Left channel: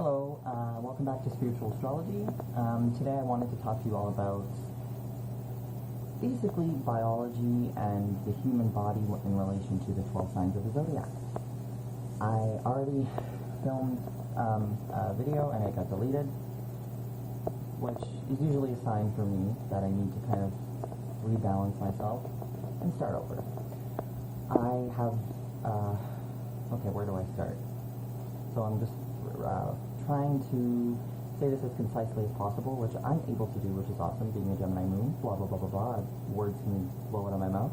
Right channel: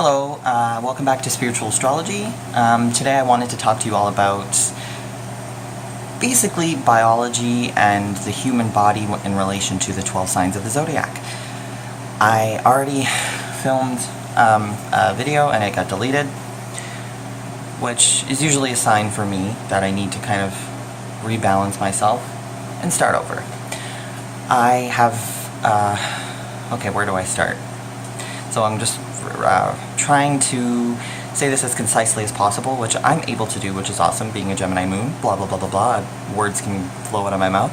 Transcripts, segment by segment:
Hello, welcome back to Spiritual Astrology. Today I wanted to talk to you all about basically biology and the human body in relation to the 12 signs of the zodiac. I already filmed a video and it got deleted, which is usually a sign for me that I need to kind of rebalance myself and start over. I have, okay, where do I start? So I'm just trying to say this as concisely as possible, which I'm able to do, which is awesome, being a Gemini moon, blah, blah, blah, blah, blah. Words can flow out of my mouth.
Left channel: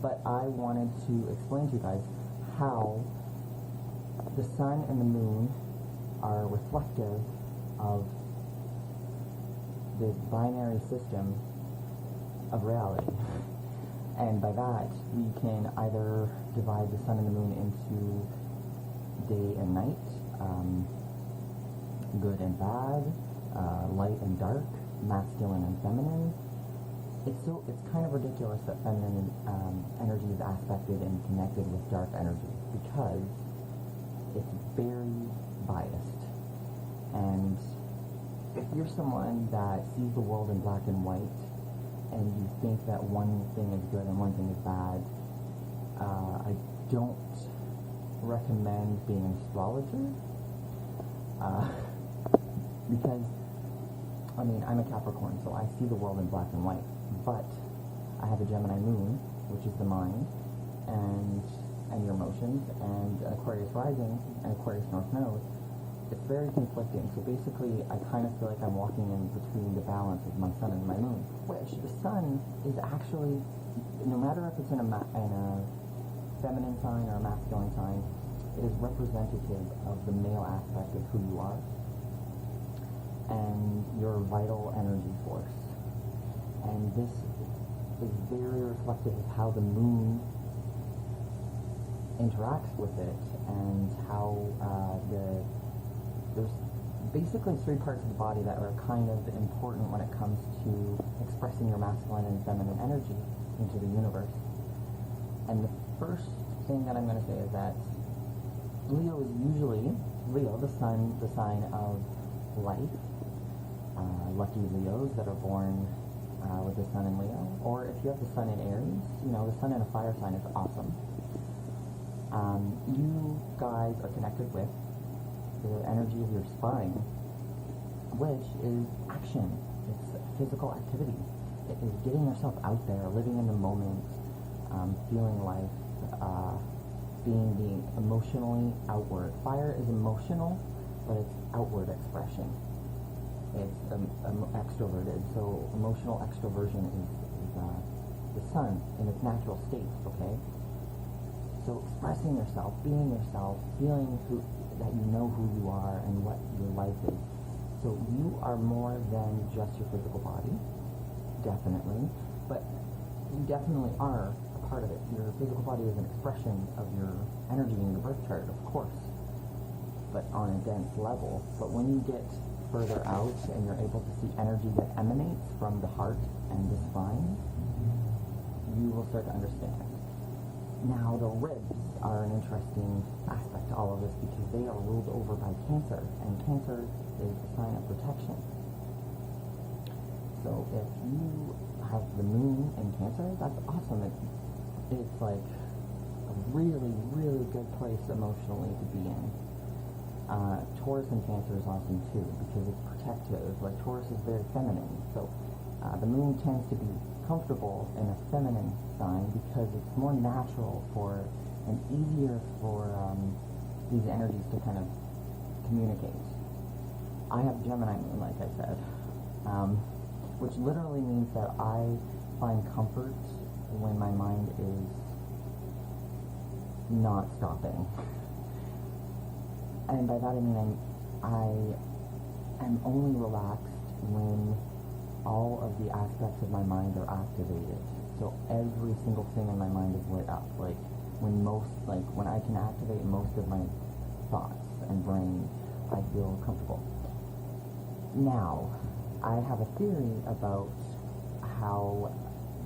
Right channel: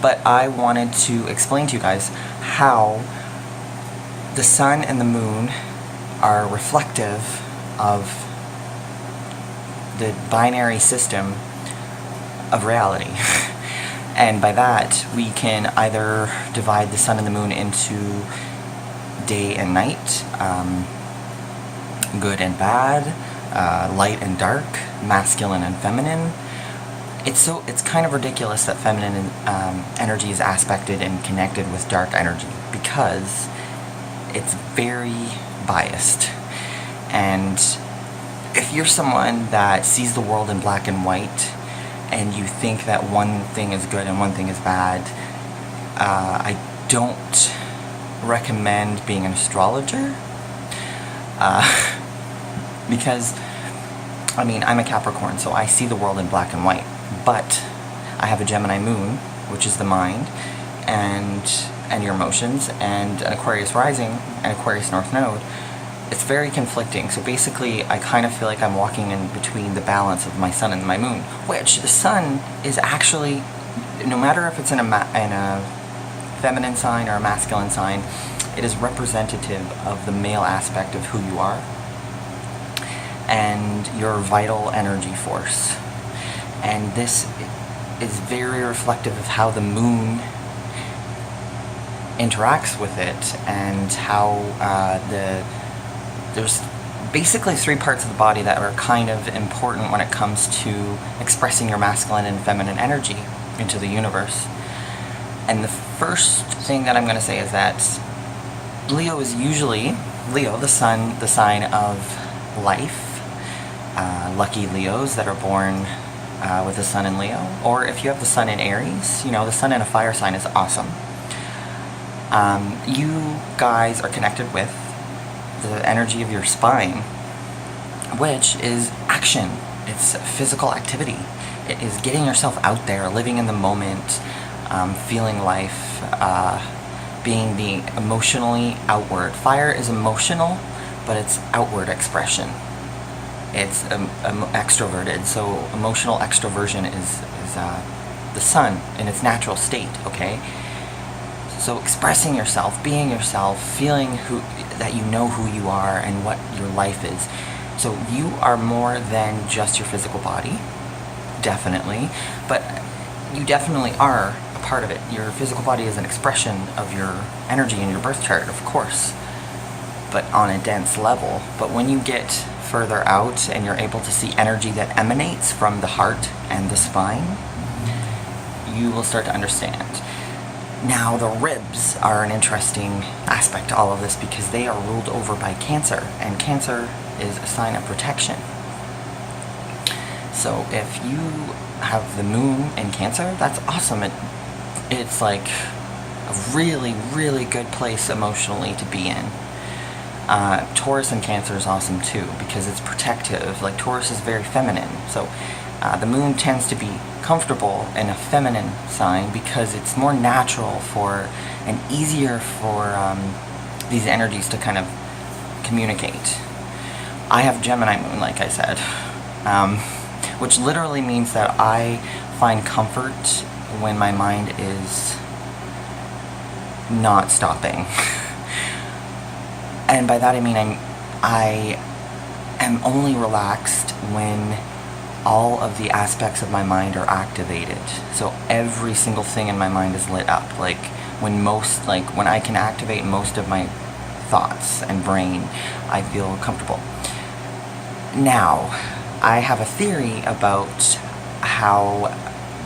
But I wanted to explain to you guys how the sun and the moon are reflective of the binary system of reality. And by that, we can either divide the sun and the moon into day and night, good and bad, light and dark, masculine and feminine. It's kind of ridiculous that feminine energy is aspected and connected with dark energy because it's very biased. And if you're someone that sees the world in black and white and you think that one thing is good and one thing is bad, I don't recommend being an astrologer, because I mean, I'm a Capricorn, so I see the world in black and white, but I have a Gemini moon, which is the mind and your emotions, and an Aquarius rising and Aquarius north node. It's very conflicting. So basically I kind of feel like I'm walking in between the balance of my sun and my moon, which the sun is actually, no matter if it's in a feminine sign or a masculine sign, it is representative of the male aspect of who you are and your vital energy force. And this is very reflective of how the moon interacts with it, and how there's basically three parts of the body that are kind of important when it comes to expressing your masculine and feminine energy into the universe. And the first thing that I'm going to say is that Leo is usually, Leo, the sun, the sign of life. Lucky Leos that are born with the sun in Leo. Or if you have the sun in Aries, you know, the sun in a fire sign is awesome. You guys are connected with the energy of your spine, which is action. It's physical activity. It is getting yourself out there, living in the moment, feeling life, being the emotionally outward. Fire is emotional, but it's outward expression. It's extroverted, so emotional extroversion is the sun in its natural state, okay? So expressing yourself, being yourself, feeling that you know who you are and what your life is. So you are more than just your physical body, definitely, but you definitely are a part of it. Your physical body is an expression of your energy in your birth chart, of course, but on a dense level. But when you get further out and you're able to see energy that emanates from the heart and the spine, you will start to understand. Now, the ribs are an interesting aspect to all of this because they are ruled over by Cancer, and Cancer is a sign of protection. So if you have the moon in Cancer, that's awesome. It's like a really, really good place emotionally to be in. Taurus and Cancer is awesome too because it's protective. Like Taurus is very feminine, so the moon tends to be comfortable in a feminine sign because it's more natural for and easier for these energies to kind of communicate. I have Gemini moon, like I said, which literally means that I find comfort when my mind is not stopping. And by that I mean I am only relaxed when all of the aspects of my mind are activated. So every single thing in my mind is lit up. Like when I can activate most of my thoughts and brain, I feel comfortable. Now, I have a theory about how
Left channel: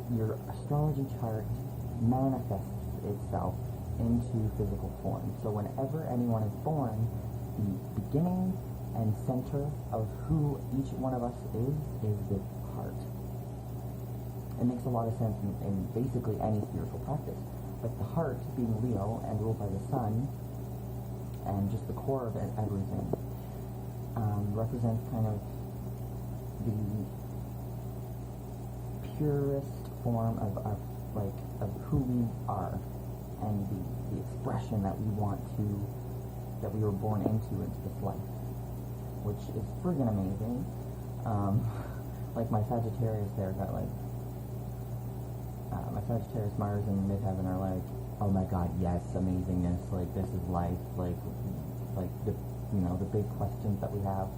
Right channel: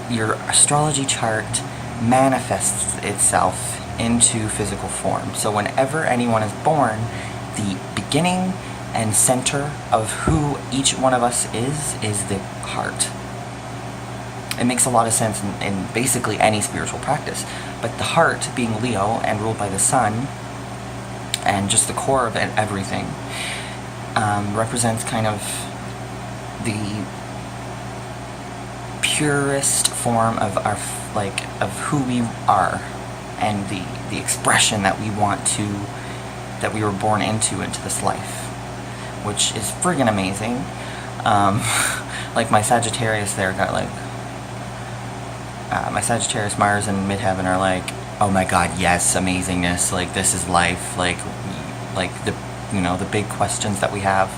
your astrology chart manifests itself into physical form. So whenever anyone is born, the beginning and center of who each one of us is the heart. It makes a lot of sense in basically any spiritual practice. But the heart, being Leo and ruled by the sun, and just the core of everything, represents kind of the purest form of our, like, of who we are, and the expression that we want to, that we were born into this life, which is friggin' amazing. Like my Sagittarius there got like, my Sagittarius, Mars, and Midheaven are like, oh my god, yes, amazingness, like this is life, like the, you know, the big questions that we have.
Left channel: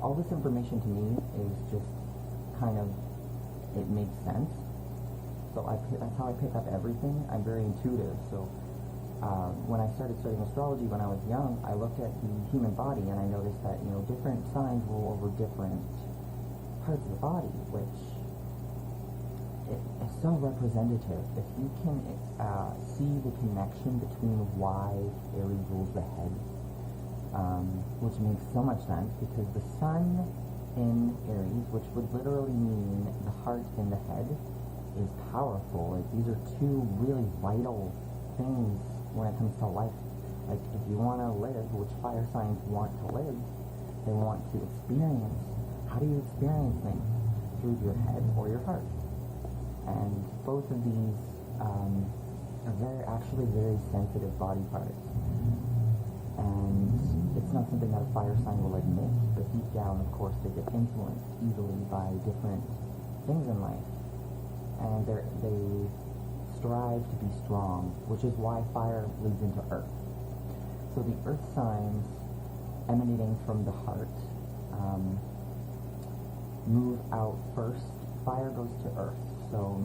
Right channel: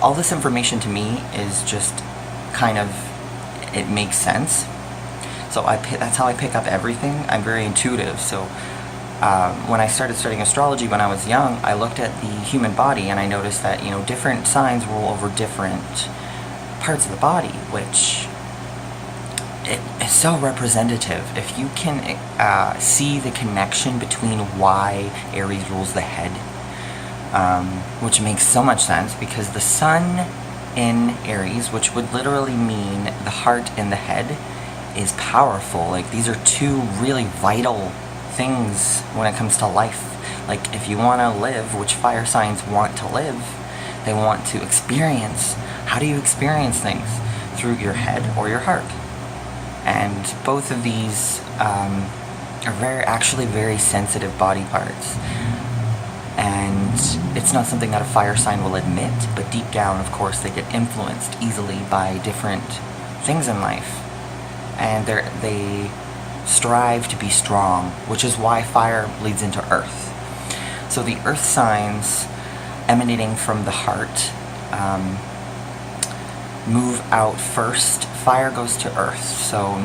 All this information to me is just kind of, it makes sense. So that's how I pick up everything. I'm very intuitive. So when I started studying astrology when I was young, I looked at the human body and I noticed that, you know, different signs rule over different parts of the body, which it is so representative. If you can see the connection between why Aries rules the head, which makes so much sense because the sun in Aries, which would literally mean the heart and the head, is powerful. Like, these are two really vital things when it comes to life. Like, if you want to live, which fire signs want to live, they want to experience. How do you experience things? Through your head or your heart. And both of these are actually very sensitive body parts. And it's not something that a fire sign will admit, but deep down, of course, they get influenced easily by different things in life. And they strive to be strong, which is why fire leads into earth. So the earth signs emanating from the heart move out first. Fire goes to earth. So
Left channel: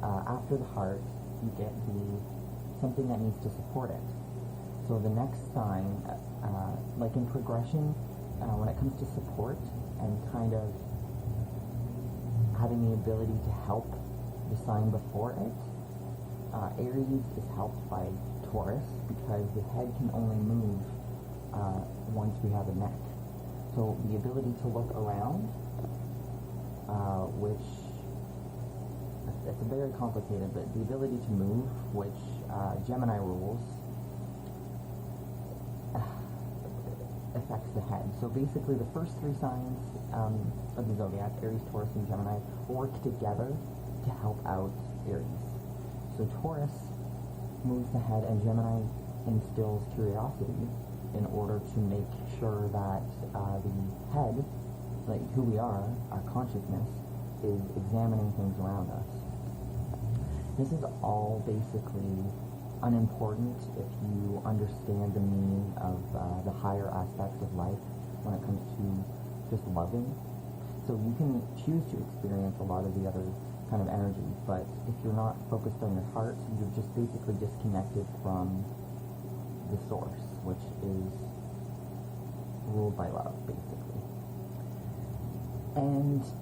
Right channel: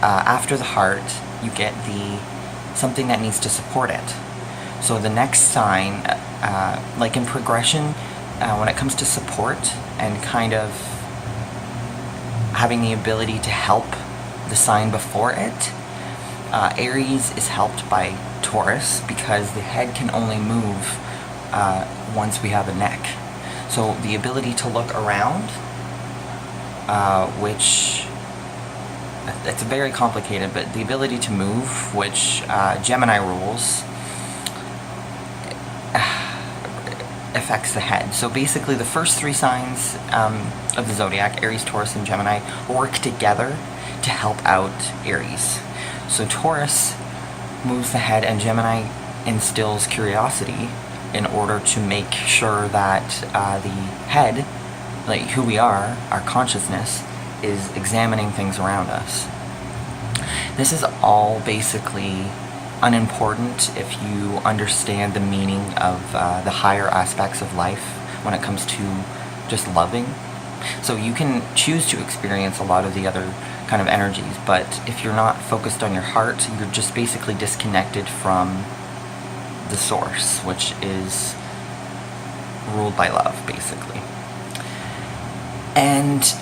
after the heart, you get something that needs to support it. So the next sign, like in progression, when it comes to support and kind of having the ability to help the sign before it, Aries is helped by Taurus because the head can only move once we have a neck. So the ability to look around, which it's very complicated, but the ability to move, which Gemini rules, affects the head. So basically the first three signs of the zodiac, Aries, Taurus, and Gemini, work together to help out Aries. So Taurus moves the head and Gemini instills curiosity in order to make sure that the head, like who we are, our consciousness, is examining things around us. This is all basically unimportant if you understand the meaning of the higher aspects of life when it comes to just loving. So you can choose to experience a lot of the other kind of energies, but if you're not focused on your heart, you're just basically disconnected from the source, which is ruled by love, basically. And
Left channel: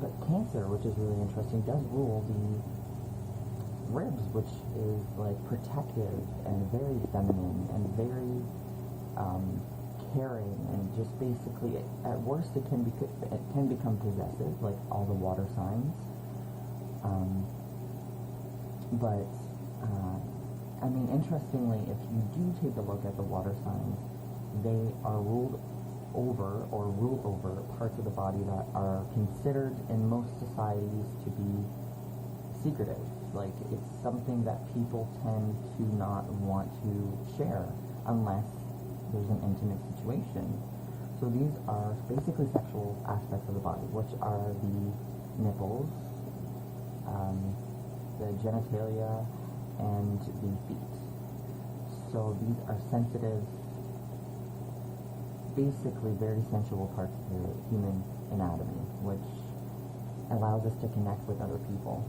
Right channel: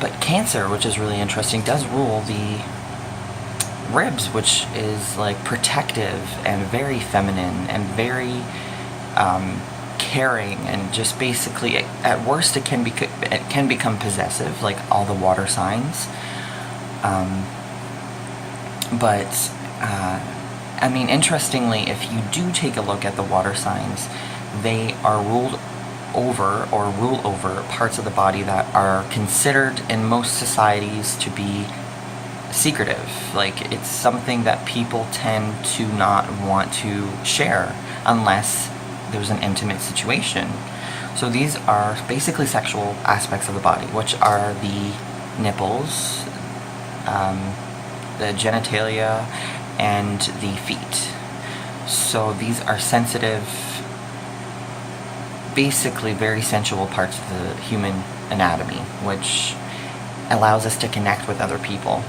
but Cancer, which is really interesting, does rule the ribs, which is like protective and very feminine and very caring, and just basically, at worst, it can become possessive, like all the water signs. But I mean, interestingly, if you do take a look at the water signs, they are rule over parts of the body that are considered in most societies to be secretive. Like, it's something that people tend to not want to share unless there's an intimate situation. So these are basically sexual aspects of the body, which are the nipples, the genitalia, and the feet. So these are sensitive, basically very sensual parts of the human anatomy, which allows us to connect with other people.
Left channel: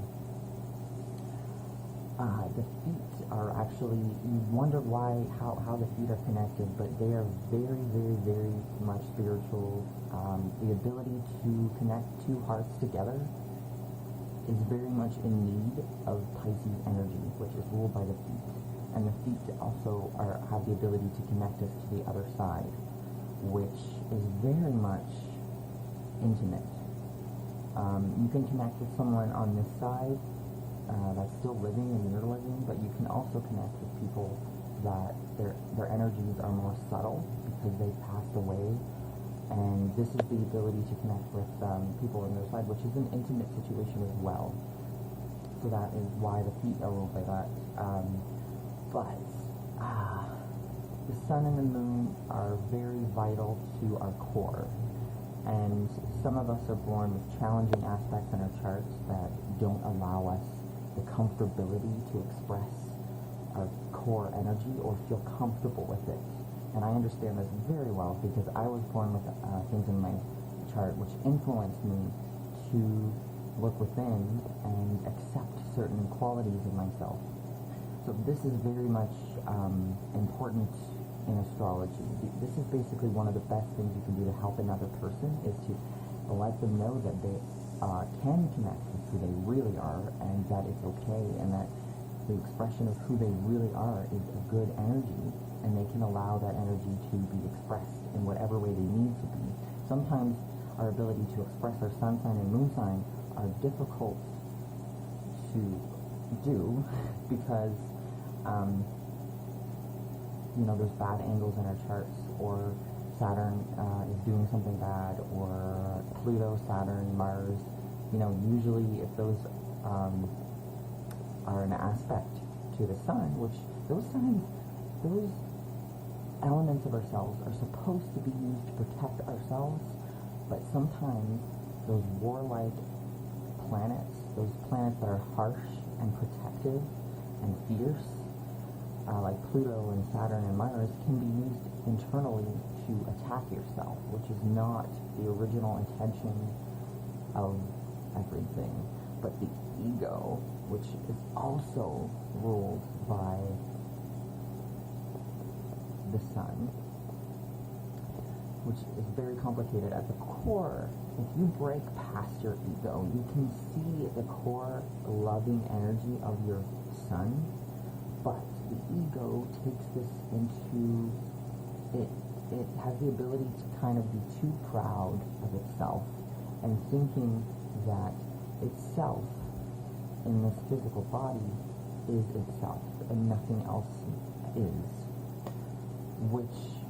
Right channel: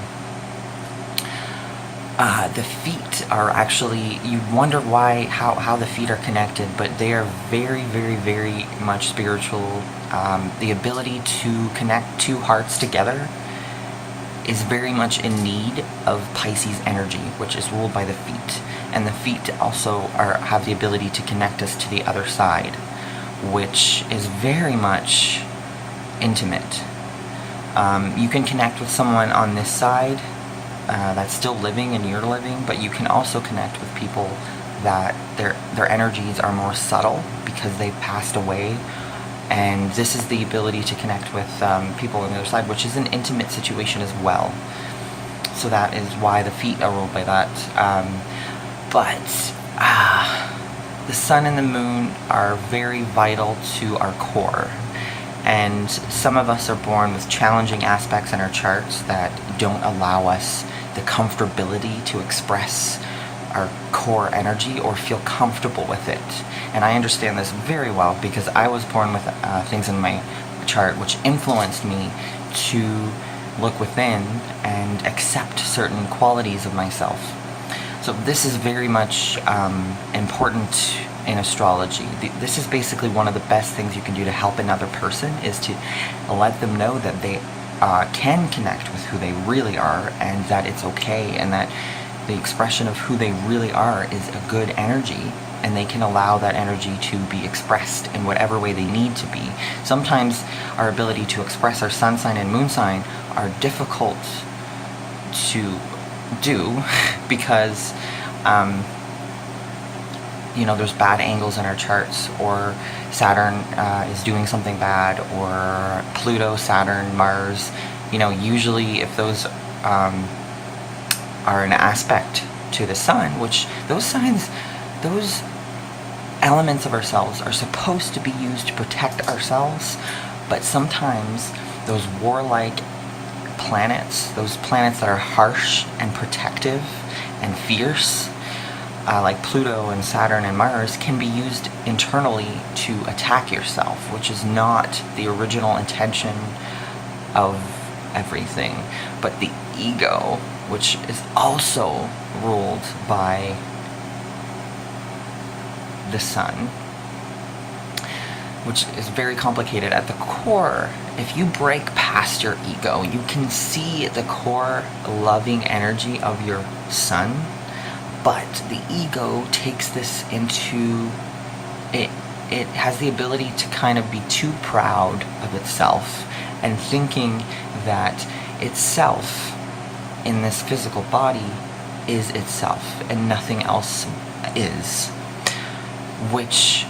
The feet are actually, you wonder how the feet are connected, but they are very, very, very much spiritual. The ability to connect two hearts together is very much in need of Pisces energy, which is ruled by the feet. And the feet also have the ability to connect us to the other side, which is very much intimate. You can connect with someone on this side that's still living and you're living, but you can also connect with people that their energies are more subtle because they've passed away. And this is the ability to connect with people on the other side, which is an intimate situation as well. So that is why the feet are ruled by that. But the sun and the moon are very vital to our core. And some of us are born with challenging aspects in our charts that don't allow us the comfortability to express our core energy or feel comfortable with it. And I understand this very well because I was born with things in my chart which influenced me to look within and accept certain qualities of myself. So this is very much important in astrology. This is basically one of the best things you can do to help another person, is to let them know that they can connect with who they really are, and that it's okay, and that the expression of who they really are is a good energy, and they can allow that energy to be expressed in whatever way they need to be. Sometimes our ability to express our sun sign and moon sign are difficult to do because there's bad angles in our charts, or Saturn is doing something bad, or Pluto, Saturn, Mars. Usually if those are an aspect to the sun, which those elements of ourselves are supposed to be used to protect ourselves, but sometimes those warlike planets, those planets that are harsh and protective and fierce, like Pluto and Saturn and Mars, can be used internally to attack yourself, which is not the original intention of everything. But the ego, which is also ruled by the sun, which is very complicated at the core. If you break past your ego, you can see the core loving energy of your sun, but the ego takes this into it. It has the ability to kind of be too proud of itself and thinking that itself in this physical body is itself and nothing else is, which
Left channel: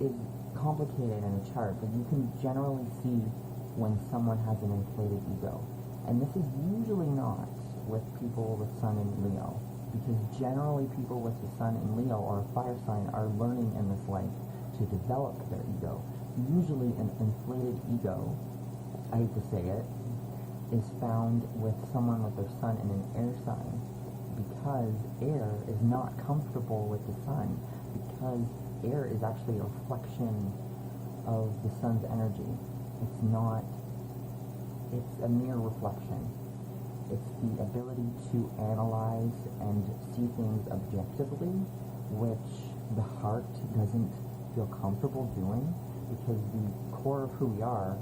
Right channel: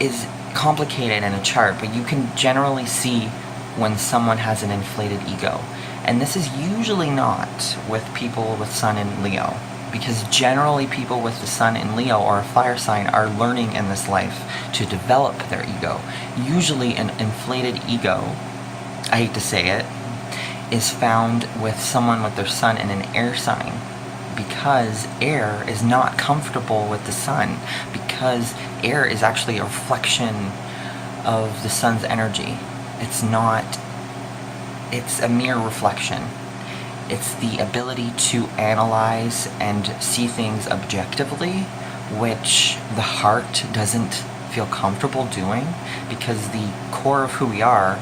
is complicated in a chart, but you can generally see when someone has an inflated ego. And this is usually not with people with sun in Leo, because generally people with the sun in Leo or a fire sign are learning in this life to develop their ego. Usually an inflated ego, I hate to say it, is found with someone with their sun in an air sign, because air is not comfortable with the sun, because air is actually a reflection of the sun's energy. It's a mere reflection. It's the ability to analyze and see things objectively, which the heart doesn't feel comfortable doing, because the core of who we are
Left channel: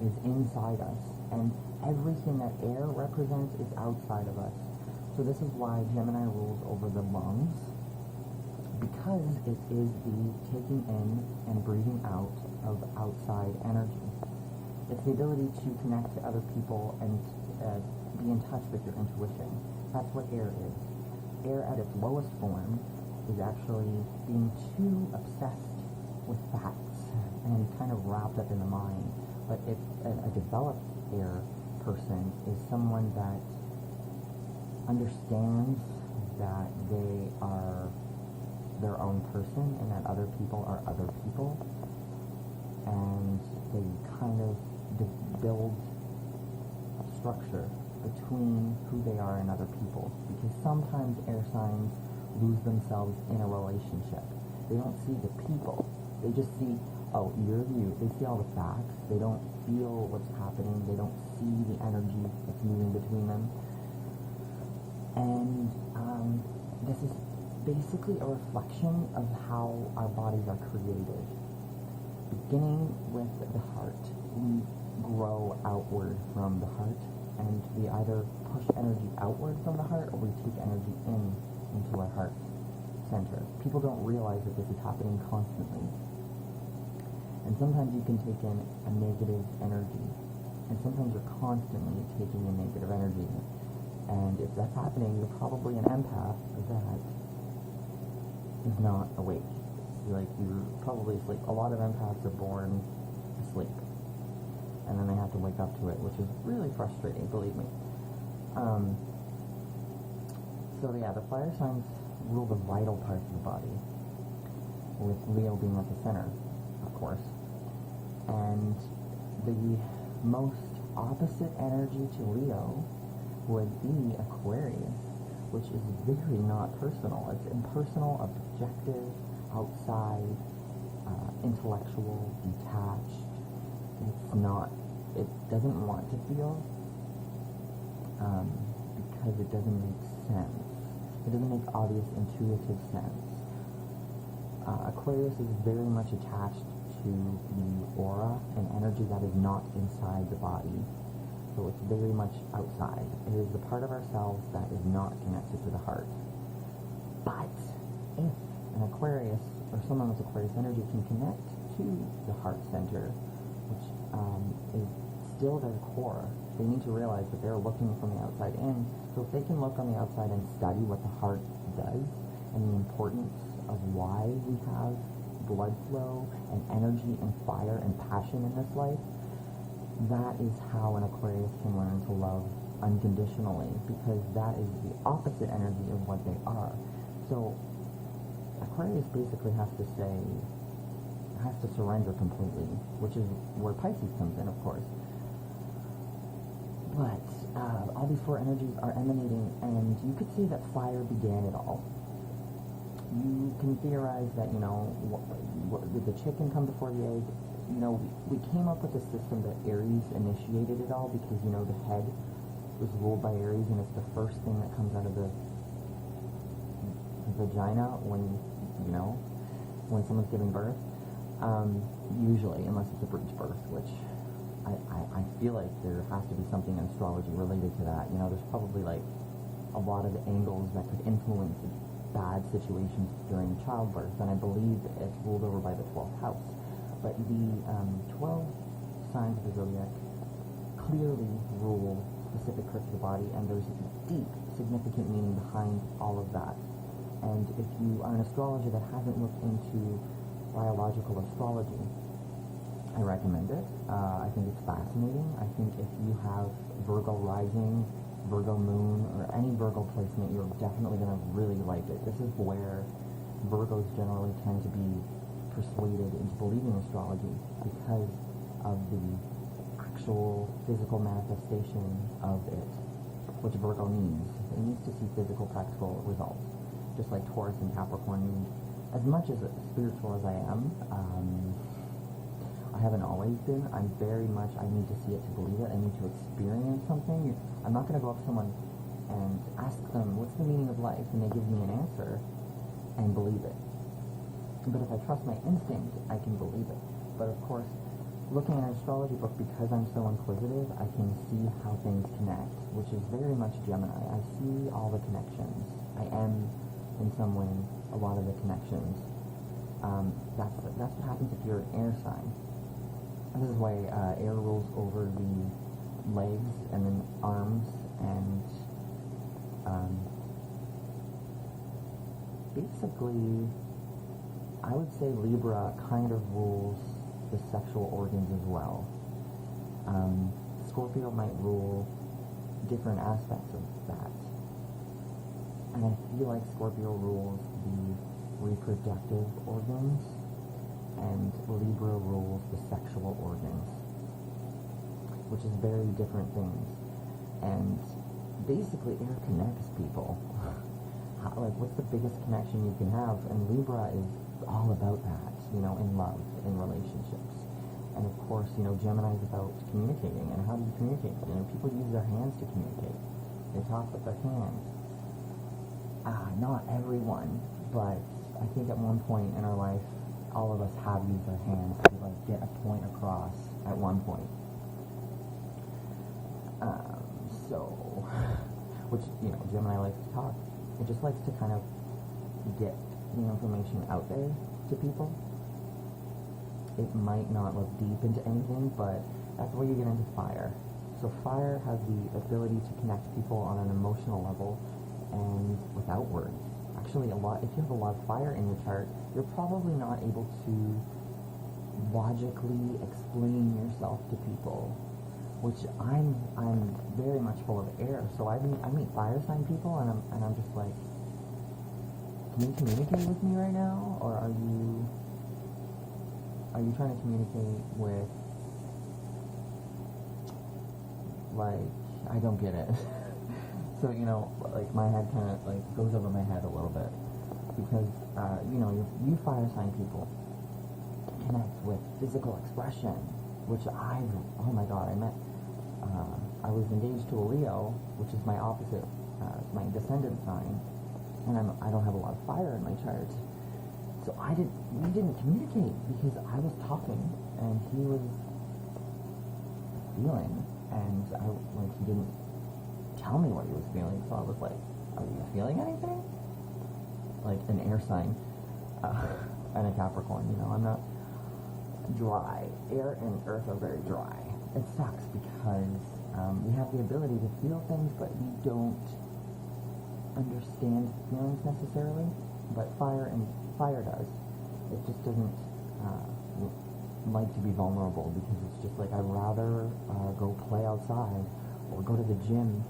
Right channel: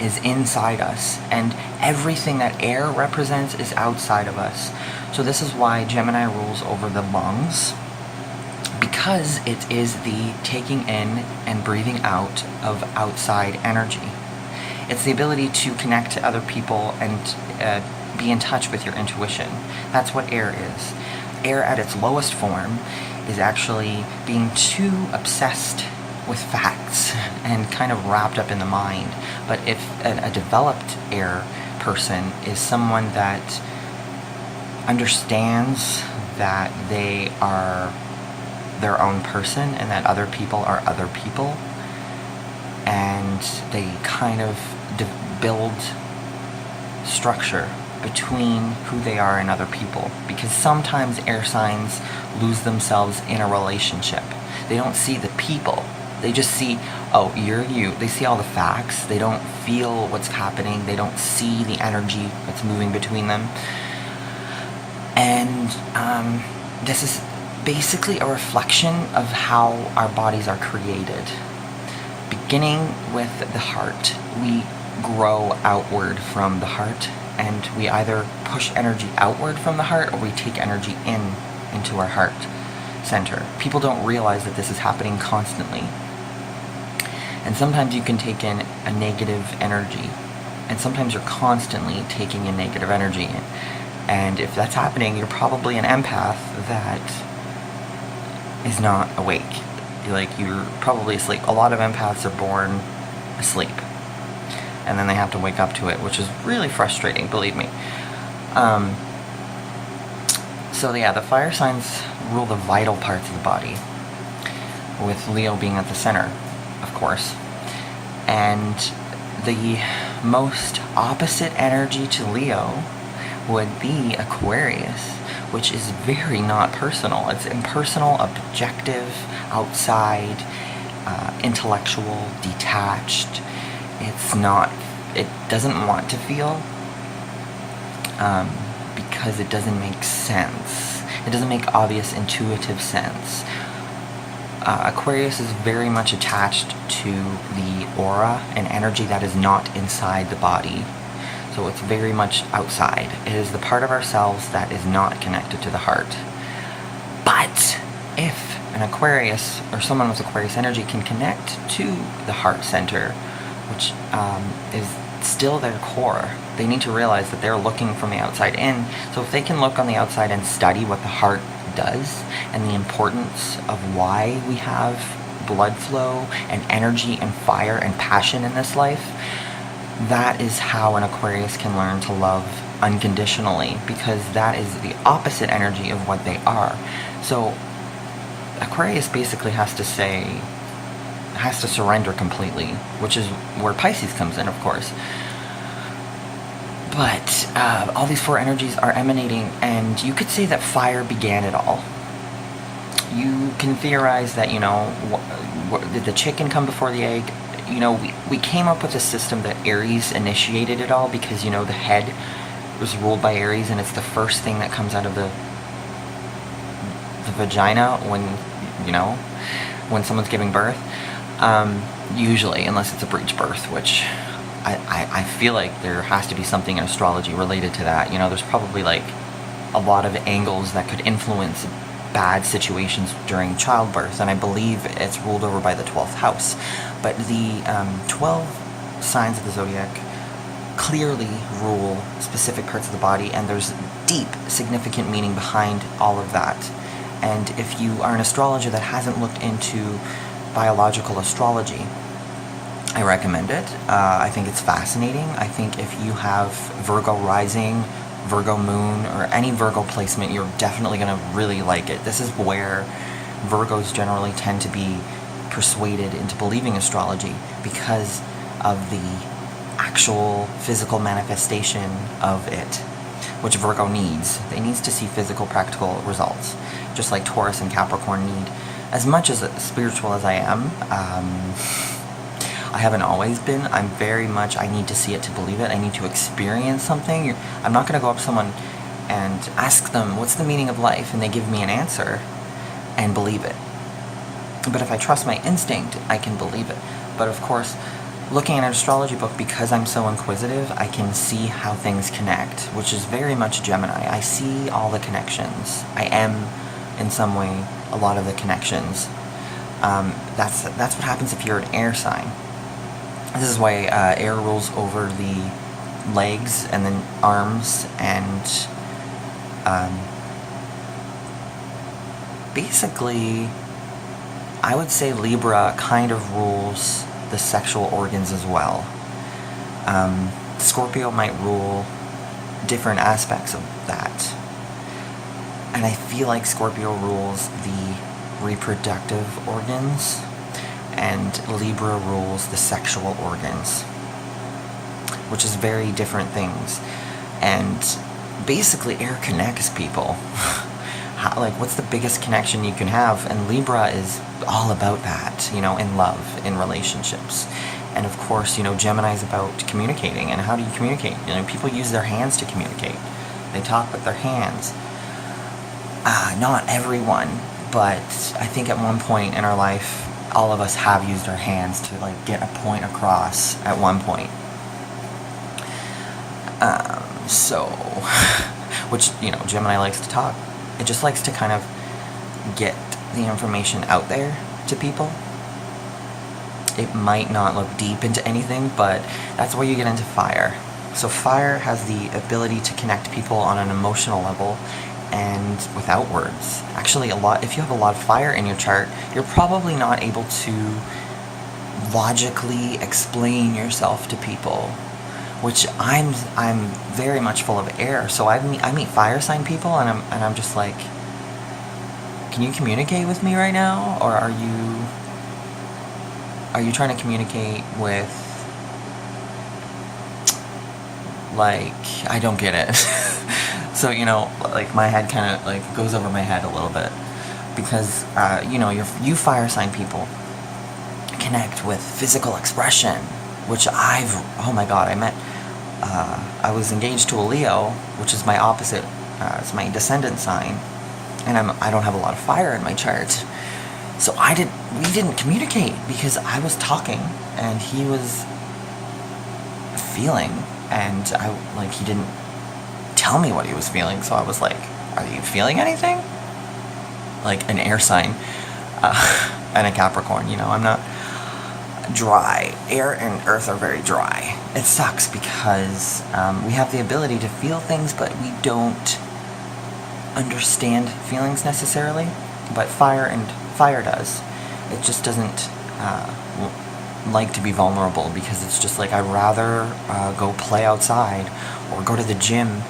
is inside us, and everything that air represents is outside of us. So this is why Gemini rules over the lungs, because it is the taking in and breathing out of outside energy. It's the ability to connect to other people and be in touch with your intuition. That's what air is. Air at its lowest form is actually being too obsessed with facts and kind of wrapped up in the mind. But if a developed air person is someone that understands that they are their own person and that other people are other people, and they kind of build structure between who they are and other people, because sometimes air signs lose themselves in a relationship. They don't see the people. They just see, oh, you're you. They see all the facts. They don't feel what's happening. They don't see the energy that's moving between them. And this is basically a reflection of how our bodies are created. Beginning with the heart, we grow outward from the heart, and we either push energy outward from the heart or we take energy in into our heart center. People don't realize that this is happening constantly. And sometimes you can take in a negative energy, and sometimes you're constantly taking in negative energy. And if that's happening, you're probably an empath that is not awake. You're probably asleep. A lot of empaths are born asleep, and then they have to wake up to it, which is really frustrating, believe me. So yeah, the fire signs rule the vital parts of the body, with Leo being at the center, of course. And the most opposite energy to Leo would be Aquarius, which is very not personal. It's impersonal, objective, outside, intellectual, detached. It doesn't want to feel, because it doesn't make sense. It doesn't make obvious, intuitive sense. Aquarius is very much attached to the aura and energy that is not inside the body. So it's very much outside. It is the part of ourselves that is not connected to the heart. But if an Aquarius or someone with Aquarius energy can connect to the heart center, which is still their core, they need to realize that they're looking from the outside in. So if they can look on the outside and study what the heart does and the importance of why we have blood flow and energy and fire and passion in this life, that is how an Aquarius can learn to love unconditionally, because that is the opposite energy of what they are. So Aquarius basically has to surrender completely, which is where Pisces comes in, of course. But all these four energies are emanating, and you could say that fire began it all. You can theorize that, did the chicken come before the egg? We came up with a system that Aries initiated it all, because, the head was ruled by Aries, and it's the first thing that comes out of the vagina when someone's giving birth. Usually, unless it's a breech birth, which I feel like there has to be something in astrology related to that. There's probably a lot of angles that could influence bad situations during childbirth, and I believe it's ruled over by the 12th house. But the 12 signs of the zodiac clearly rule specific parts of the body, and there's deep, significant meaning behind all of that. And if you are an astrologer that hasn't looked into biological astrology, I recommend it. I think it's fascinating. I think if you have Virgo rising, Virgo moon, or any Virgo placement, you're definitely going to really like it. This is where Virgos generally tend to be persuaded into believing astrology, because of the actual physical manifestation of it, which Virgo needs. They need to see physical, practical results, just like Taurus and Capricorn need. As much as spiritual as I am, I haven't always been. I'm very much, I need to see it to believe it. I need to experience something. I'm not going to go up to someone and ask them, what's the meaning of life? And they give me an answer and believe it. But if I trust my instinct, I can believe it. But of course, looking at an astrology book, because I'm so inquisitive, I can see how things connect, which is very much Gemini. I see all the connections. I am, in some way, a lot of the connections. That's what happens if you're an air sign. This is why air rules over the legs and then arms, and basically, I would say Libra kind of rules the sexual organs as well. Scorpio might rule different aspects of that. And I feel like Scorpio rules the reproductive organs, and Libra rules the sexual organs, which is very different things. And basically, air connects people. What's the biggest connection you can have? And Libra is all about that, in love, in relationships. And of course, Gemini is about communicating. And how do you communicate? People use their hands to communicate. They talk with their hands. Not everyone, but I think at one point in our life, all of us have used our hands to get a point across at one point. Which, Gemini likes to talk. It just likes to kind of get the information out there to people. It might not look deep into anything, but that's where you get into fire. So fire has the ability to connect people on an emotional level and without words. Actually, if you have a lot of fire in your chart, you're probably not able to logically explain yourself to people, which I'm very much full of air. So I meet fire sign people, and I'm just like, can you communicate with me right now, or are you trying to communicate with, like, I don't get it. So, like, my head kind of, like, goes over my head a little bit, because, you fire sign people connect with physical expression, which oh my god, I was engaged to a Leo, which is my opposite, it's my descendant sign, and I don't have a lot of fire in my chart. So we didn't communicate, because I was talking and he was feeling, and he didn't tell me what he was feeling. So I was like, are you feeling anything? Like an air sign, and a Capricorn, I'm not dry. Air and earth are very dry. It sucks because we have the ability to feel things, but we don't understand feelings necessarily. But fire does. It just doesn't like to be vulnerable, because it's just like, I'd rather go play outside or go to the gym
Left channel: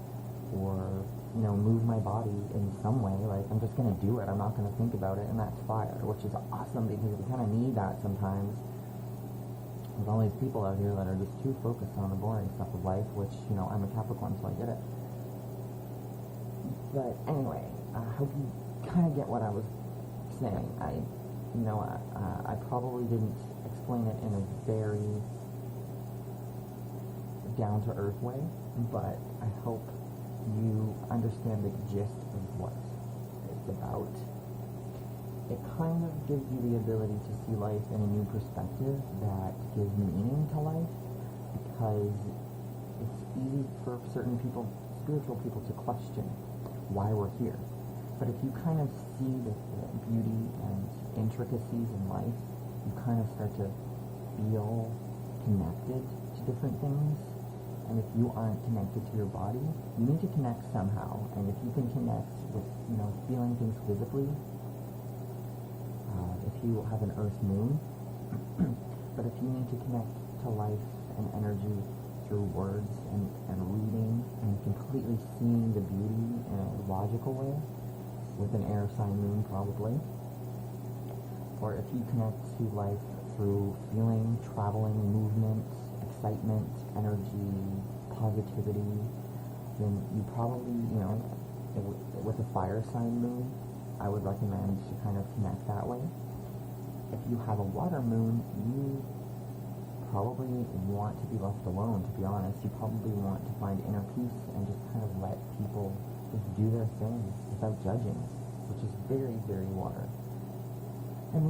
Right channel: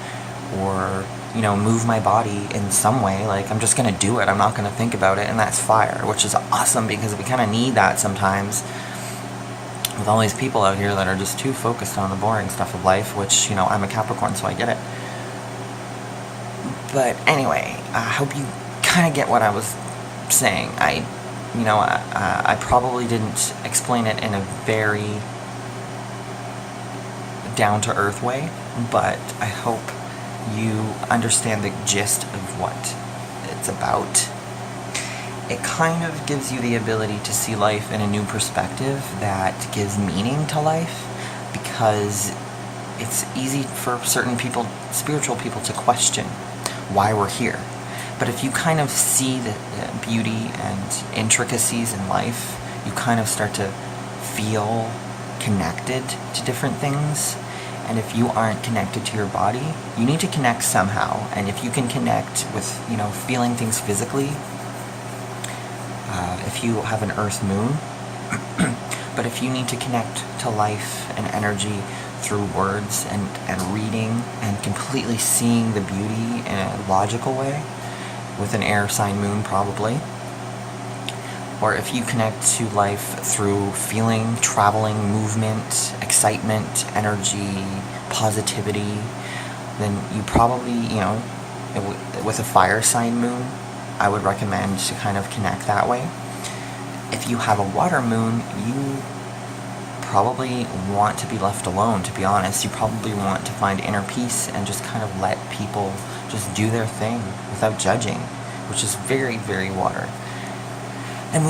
or move my body in some way. Like, I'm just gonna do it. I'm not gonna think about it. And that's fire, which is awesome, because we kind of need that sometimes with all these people out here that are just too focused on the boring stuff of life, which, I'm a Capricorn, so I get it. But anyway, I hope you kind of get what I was saying. I probably didn't explain it in a very down-to-earth way, but I hope you understand the gist of what it's about. It kind of gives you the ability to see life in a new perspective that gives meaning to life, because it's easy for certain people, spiritual people, to question why we're here. But if you kind of see the beauty and intricacies in life, you kind of start to feel connected to different things. And if you aren't connected to your body, you need to connect somehow. And if you can connect with, feeling things physically, if you have an earth moon, but if you need to connect to life and energy through words and reading and completely seeing the beauty in a logical way, with an air sign moon probably, or if you connect to life through feeling, traveling, movement, excitement, energy, positivity, then you probably, with a fire sign moon, I would recommend to kind of connect that way. If you have a water moon, you probably want to be left alone, to be honest. You probably want to find inner peace and just kind of let people just do their thing without judging, which is very, very water. And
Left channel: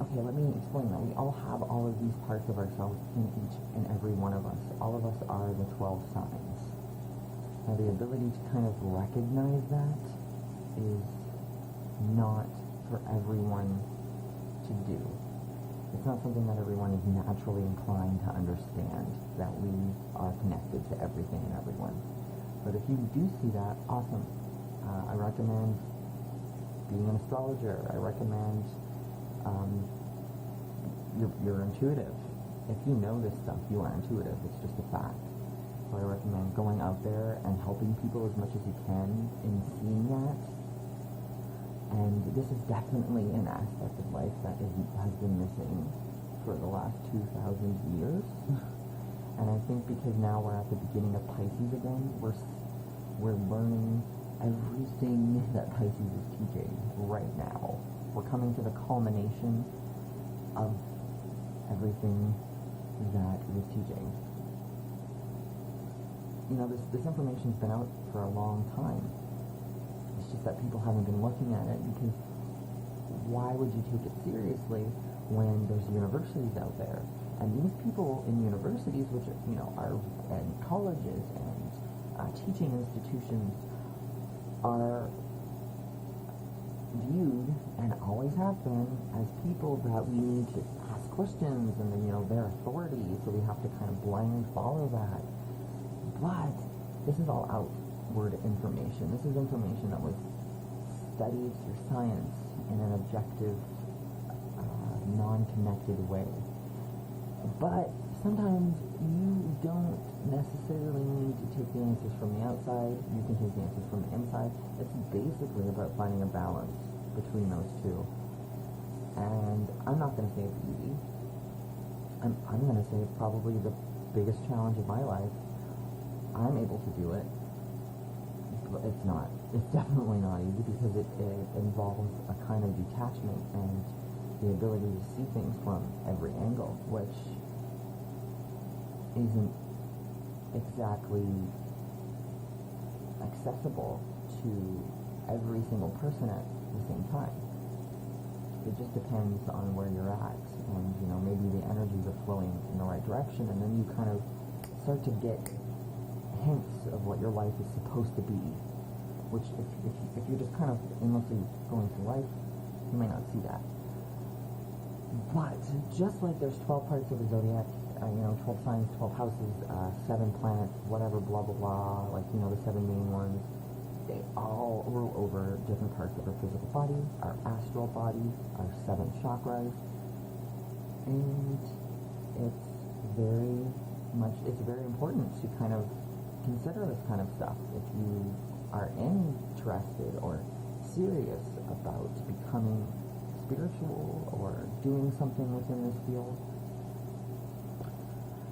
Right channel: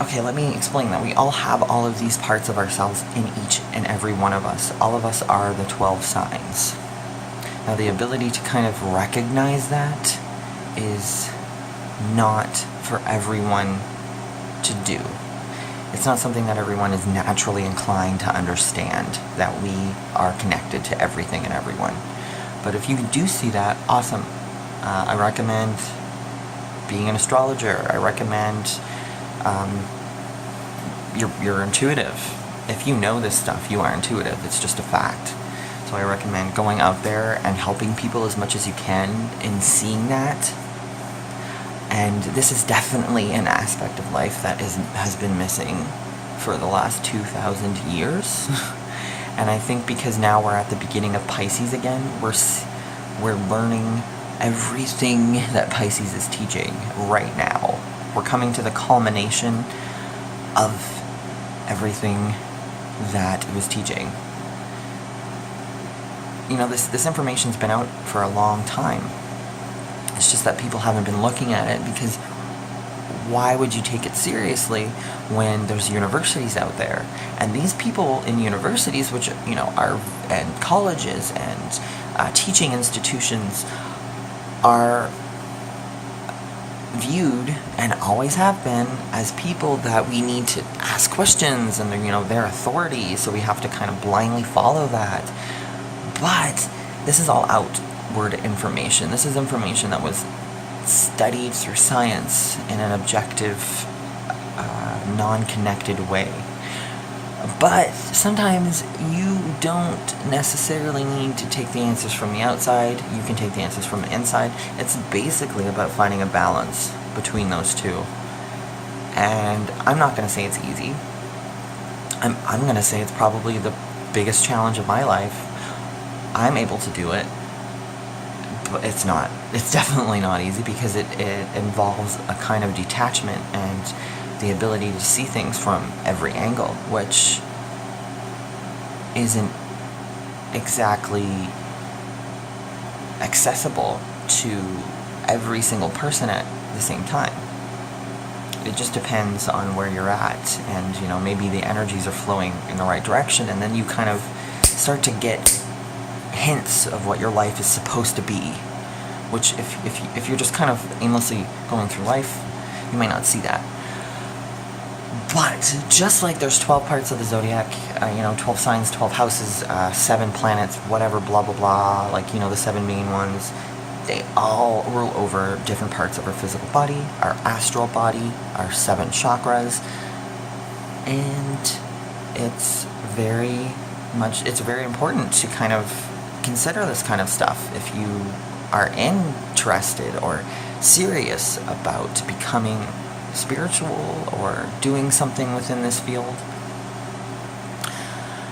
okay, let me explain that. We all have all of these parts of ourselves in each and every one of us. All of us are the 12 signs. Now, the ability to kind of recognize that is not for everyone to do. It's not something that everyone is naturally inclined to understand, that we are connected to everything and everyone. But if you do see that, awesome. I recommend being an astrologer. I recommend you're intuitive. If you know this stuff, you are intuitive. It's just a fact. So I recommend going out there and helping people as much as you can in seeing that. And this is definitely an aspect of life that has been missing for the last 2,000 years. And I think because now we're at the beginning of Pisces again, we're learning everything that Pisces is teaching right now. We're coming to the culmination of everything that it was teaching. This information's been out for a long time. It's just that people haven't been looking at it, because why would you take it seriously when there's universities out there? And these people in universities, which, are, and colleges and teaching institutions, are viewed, and always have been, as people that we need to ask questions, and they're authority, so we have to kind of blindly follow that. But this is all outward information. This is information that was studied through science in an objective, non-connected way. But sometimes you don't necessarily need to take the answers from the outside. You can take the answers from the inside. It's basically about finding a balance between those two. And I'm not going to say it's easy. I'm going to say it's probably the biggest challenge of my life. I'm able to do it, but it's not. It's definitely not easy, because it involves a kind of detachment and the ability to see things from every angle, which isn't exactly accessible to every single person at the same time. It just depends on where you're at, and maybe the energies are flowing in the right direction, and then you kind of start to get hints of what your life is supposed to be, which if you're just kind of aimlessly going through life, you might not see that. But just like there's 12 parts of the zodiac, 12 signs, 12 houses, 7 planets, whatever, blah blah blah, the 7 main ones, they all rule over different parts of our physical body, our astral body, our 7 chakras, and it's very important to kind of consider this kind of stuff if you are interested or serious about becoming spiritual or doing something within this field.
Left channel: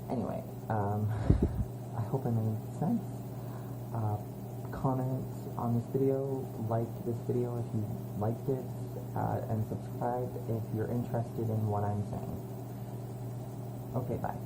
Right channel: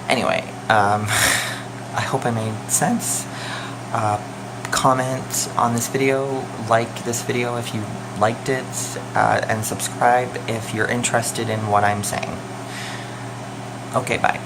Anyway, I hope I made sense. Comment on this video, like this video if you liked it, and subscribe if you're interested in what I'm saying. Okay, bye.